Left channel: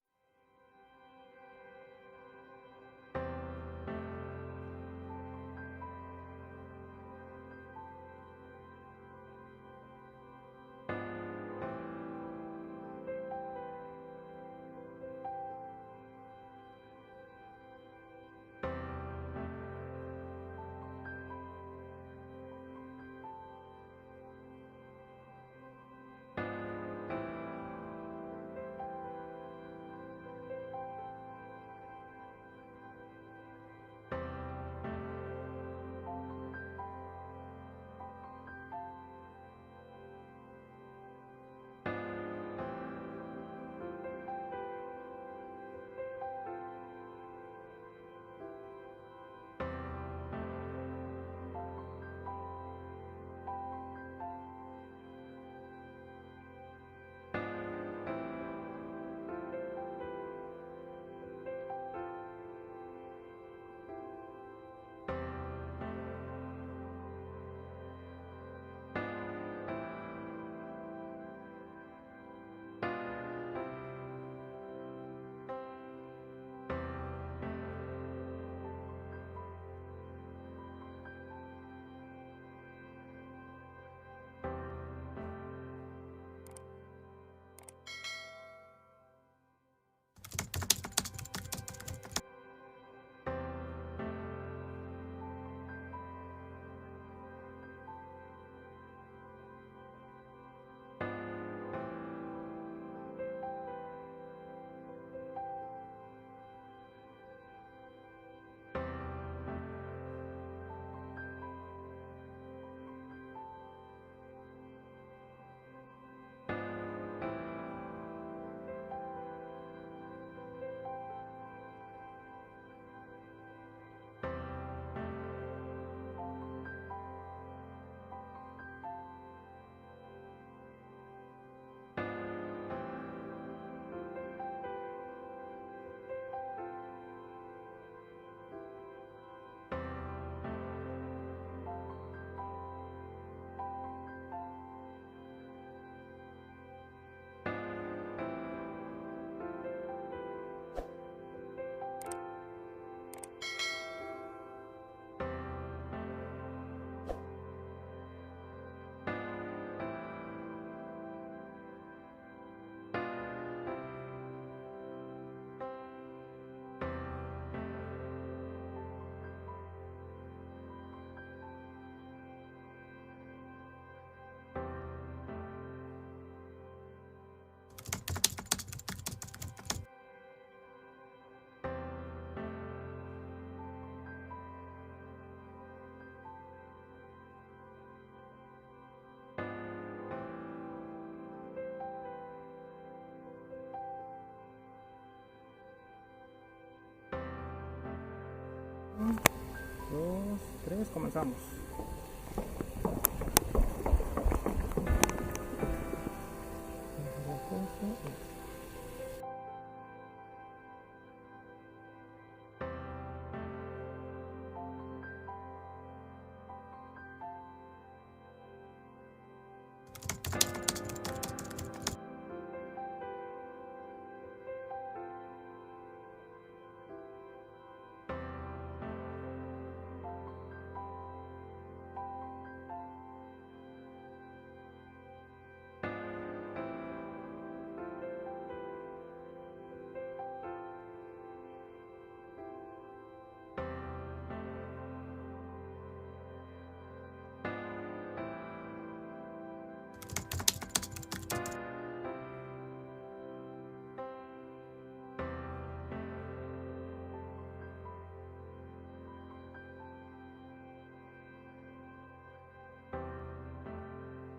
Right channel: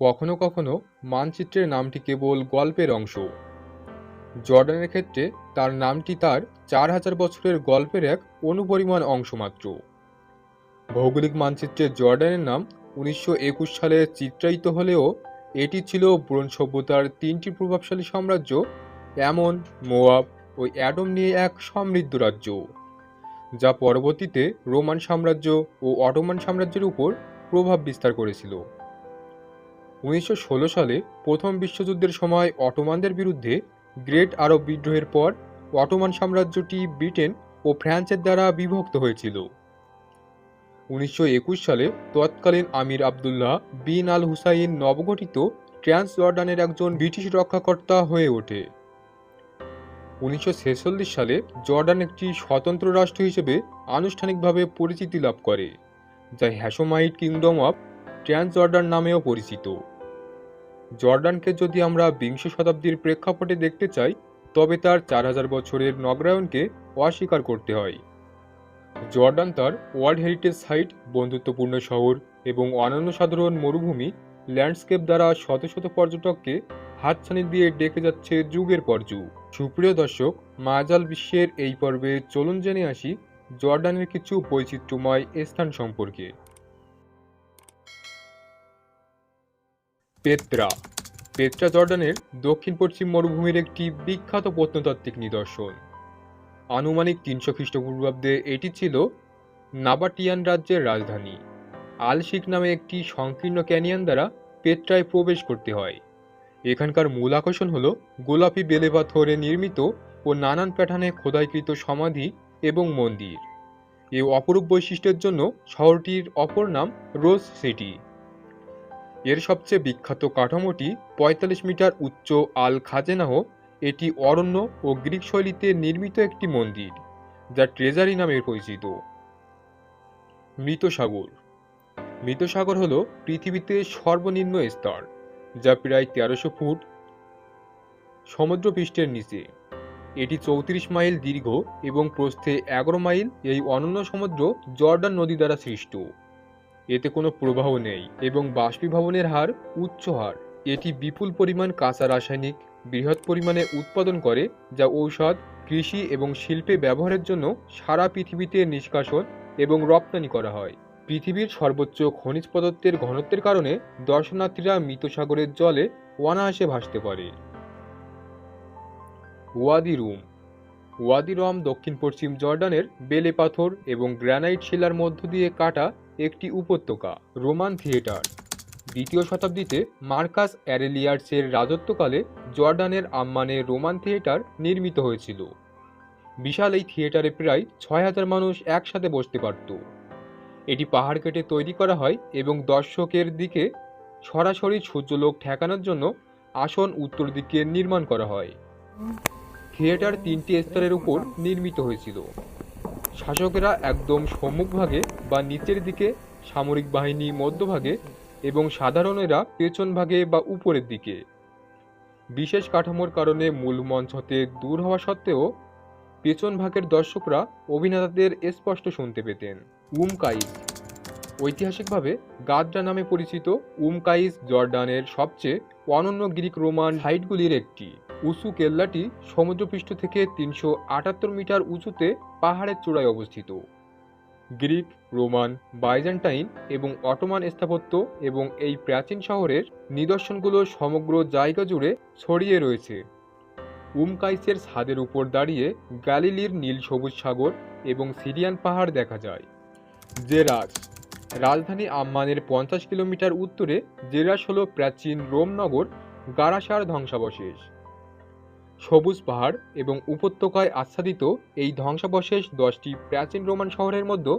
কখনো কখনো মানচিত্রের নামটি কেবল গল্পের অংশ। জর্ডানের ক্ষেত্রে তার নামটি তার চার হাজার বছরের গল্পের এক অনুপরিমাণ অংশ মাত্র। ভৌগোলিক মানচিত্রে জর্ডানের নাম উনিশশো একুশ সালে চিত্রায়িত হলেও এটি ছিল ব্রোঞ্জ সভ্যতার তিনটি প্রভাবশালী সাম্রাজ্য, এমন মোয়াব ও অ্যাডম নিয়ে এক সমৃদ্ধ রাজ্য, যা পরবর্তীতে রোমান সাম্রাজ্য ও অটোমান সাম্রাজ্যের উপর প্রভাব বিস্তার করেছিল। উনিশশো ষোলো সালে প্রথম বিশ্বযুদ্ধের সময় অটোমানদের বিরুদ্ধে গ্রেট আরব বিদ্রোহের পর অটোমান সাম্রাজ্যটি ব্রিটেন ও ফ্রান্সের দ্বারা বিভক্ত হয়েছিল। উনিশশো একুশ সালে তৎকালীন আমির আবদুল্লাহ বিন আল হুসাইন নবগঠিত ট্রান্স জর্ডানের একজন ব্রিটিশ রক্ষাকর্তা হয়ে ওঠে। উনিশশো ছেচল্লিশ সালে জর্ডান একটি স্বতন্ত্র রাষ্ট্র হিসেবে আনুষ্ঠানিকভাবে পরিচিতি লাভ করে, যা Hashemite kingdom of Transjordan নামেও পরিচিত। জর্ডানকে যদি আমরা বিংশ শতাব্দীর প্রেক্ষাপটে দেখতে চাই, তবে তার চার হাজার বছরের নগরায়নকে অস্বীকার করতে হয়। জর্ডান তার ওয়ার্ল্ড হেরিটেজ সাইট, বন্ধুত্বপূর্ণ শহর এবং অনন্য সাধারণ মরুভূমি ল্যান্ডস্কেপ দ্বারা শত শত পর্যটককে হাতছানি দিয়ে ডেকে যাচ্ছে যুগের পর যুগ। সুপ্রিয় দর্শক মাজাল বিশ্বের এই পর্বে চলুন জেনে আসি জর্ডানের কিছু বৈচিত্র্যময় স্থান সম্পর্কে। পেত্রা। পেত্রা জর্ডানের দক্ষিণ পশ্চিম মরুভূমির একটি বিখ্যাত প্রত্নতাত্ত্বিক নিদর্শন। আনুমানিক তিনশো খ্রিস্টপূর্বাব্দে এটি ছিল নাবাটিয়ান রাজ্যের রাজধানী। আলশিক নামে একটি সংকীর্ণ ক্যানিয়ন দ্বারা পেত্রায় প্রবেশ করতে হয়। এখানকার মূল আকর্ষণ হল গোলাপি বেলে পাথরে নির্মিত ও নানান প্যাটার্নে খোদাইকৃত সমাধি এবং মন্দির। এই অপরূপ বৈশিষ্ট্যের জন্য শহরটির অপর নাম রোজ সিটি। এর সবচেয়ে বিখ্যাত কাঠামোটি পঁয়তাল্লিশ মিটার উচ্চ আল খাজেনাহ, এটি অরণ্য ও গ্রিক শৈলীতে নির্মিত একটি মন্দির, যা ট্রেজারি নামে পরিচিত। মৃত সাগর মৃত সাগর হল পৃথিবীতে সর্বনিম্ন স্তর, যা প্রায় তেরোশো ফুট সমুদ্রপৃষ্ঠের নিচে। এটি চৌত্রিশ মাইল দীর্ঘ এবং প্রস্থে এগারো মাইল এই অনন্য সমুদ্র জর্ডান নদী দ্বারা সৃষ্ট। এতে কোনো প্রবাহ নেই এবং বাষ্পীভবনের হার উচ্চ হার। এটি বিপুল পরিমাণ কাঁচা রাসায়নিক বৃহৎ পরিমাণে উৎপাদন করে, যা ঔষধ, কৃষি এবং শিল্পে ব্যবহারের জন্য সারা পৃথিবীতে নিষ্কাশন এবং রপ্তানি করা হয়। পৃথিবীর সর্বোচ্চ খনিজ পদার্থের ঘনত্বের কারণে দর্শনার্থীরা মৃত সাগরের জলে অনায়াসে ভাসতে পারে। ওয়াদি রুম ওয়াদি রম দক্ষিণ পশ্চিম জর্ডানের বেলে পাথর এবং গ্রানাইট শিলার মধ্য দিয়ে কাটা একটি উপত্যকা, রোমান থিয়েটার। দ্বিতীয় শতাব্দীতে মার্কাস অ্যারেলিয়ার্সের রাজত্বকালে জর্ডানের আম্মানে রোমান থিয়েটার নির্মিত হয়েছিল। বিশাল এই থিয়েটারে প্রায় ছয় হাজার মানুষ একসাথে বসতে পারত। এটি পাহাড় কেটে তৈরি করা হয় এবং দর্শকের দিকে সরাসরি সূর্যলোক ঠেকানোর জন্য আসন উত্তর দিকে নির্মাণ করা হয়। থিয়েটার তিনটি স্তরের উপর নির্মিত হয়েছিল। শাসকেরা একদম সম্মুখভাগে বা নিচের দিকে, সামরিক বাহিনী মধ্যভাগে এবং সাধারণেরা পেছন ভাগে বা উপরের দিকে। বিশেষ কাঠামোর কারণে মূল মঞ্চ হতে দূর হওয়া সত্ত্বেও পেছন ভাগের দর্শকরা অভিনেতাদের স্পষ্ট শুনতে পেতেন। উমকাইস ঐতিহাসিকভাবে গাদ্রা নামে পরিচিত উমকাইস জর্ডানের সবচেয়ে অনন্য গ্রিক রোমান হাইটগুলির একটি। উঁচু কেল্লাটি সমুদ্রপৃষ্ঠ থেকে তিনশো আটাত্তর মিটার উঁচুতে পাহাড়ের চূড়ায় অবস্থিত। গ্রিক, রোমান, বাইজেন্টাইন এবং অটোমান স্থাপত্য এবং এই প্রাচীন শহরের নিদর্শনগুলো সমগ্র জায়গা জুড়ে ছড়িয়ে রয়েছে। উমকাইসের ছাদের উপর দাঁড়িয়ে গ্যালিলির নীল সবুজ সাগর এবং সিরিয়ান পাহাড় দেখা যায়। জেরাস রাজধানী আম্মানের পঞ্চাশ কিলোমিটার উত্তরে জেরাস হল প্রাচীন রোম নগর, গারাসার ধ্বংসাবশেষ। সবুজ পাহাড় এবং উপত্যকায় আচ্ছাদিত এই ধ্বংসাবশেষ দশটি প্রাচীন রোমান শহরের মধ্যে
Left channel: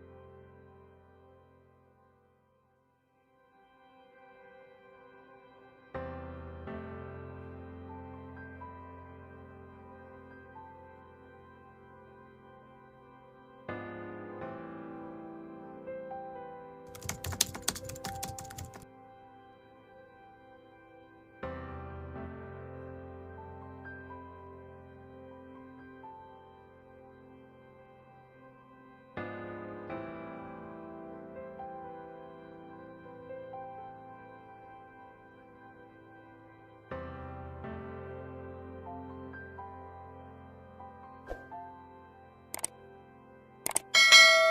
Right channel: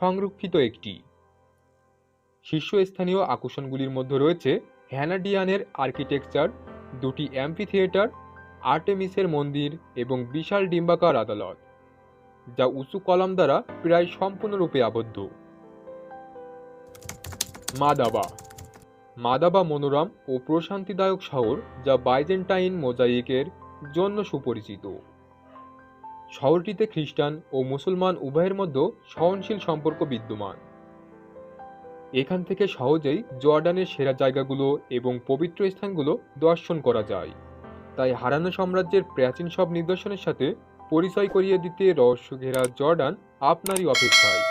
সংরক্ষিত একটি। শীর্ষস্থানীয় আকর্ষণগুলির মধ্যে রয়েছে হ্যানাডিয়ানের আর্কিটেকচার, দুটি অ্যাম্পি থিয়েটার আর্টেমিসের মন্দির এবং বিশাল ডিম্বাকার আদালত, যা উঁচু কলাম দ্বারা প্রায় সম্পূর্ণরূপে আবদ্ধ। মাদাবা। মাদাবা মনোরম ও প্রশান্তিদায়ক শহর যা বাইজেন্টাইন মোজাইকের জন্য সুপরিচিত। শহরটিতে খ্রিস্টান ও মুসলমান উভয়ের মধ্যে সহনশীল সম্পর্ক বিদ্যমান। এখান থেকে সহজেই জর্ডানের সেরা জায়গাগুলো এবং পবিত্র স্থানগুলো দর্শন করা যায়। তাই হারানো সাম্রাজ্যের প্রাচীন সব নিদর্শনের সাথে পরিচয় করিয়ে দিতে রহস্য ঘেরা জর্ডান আপনারই অপেক্ষায়।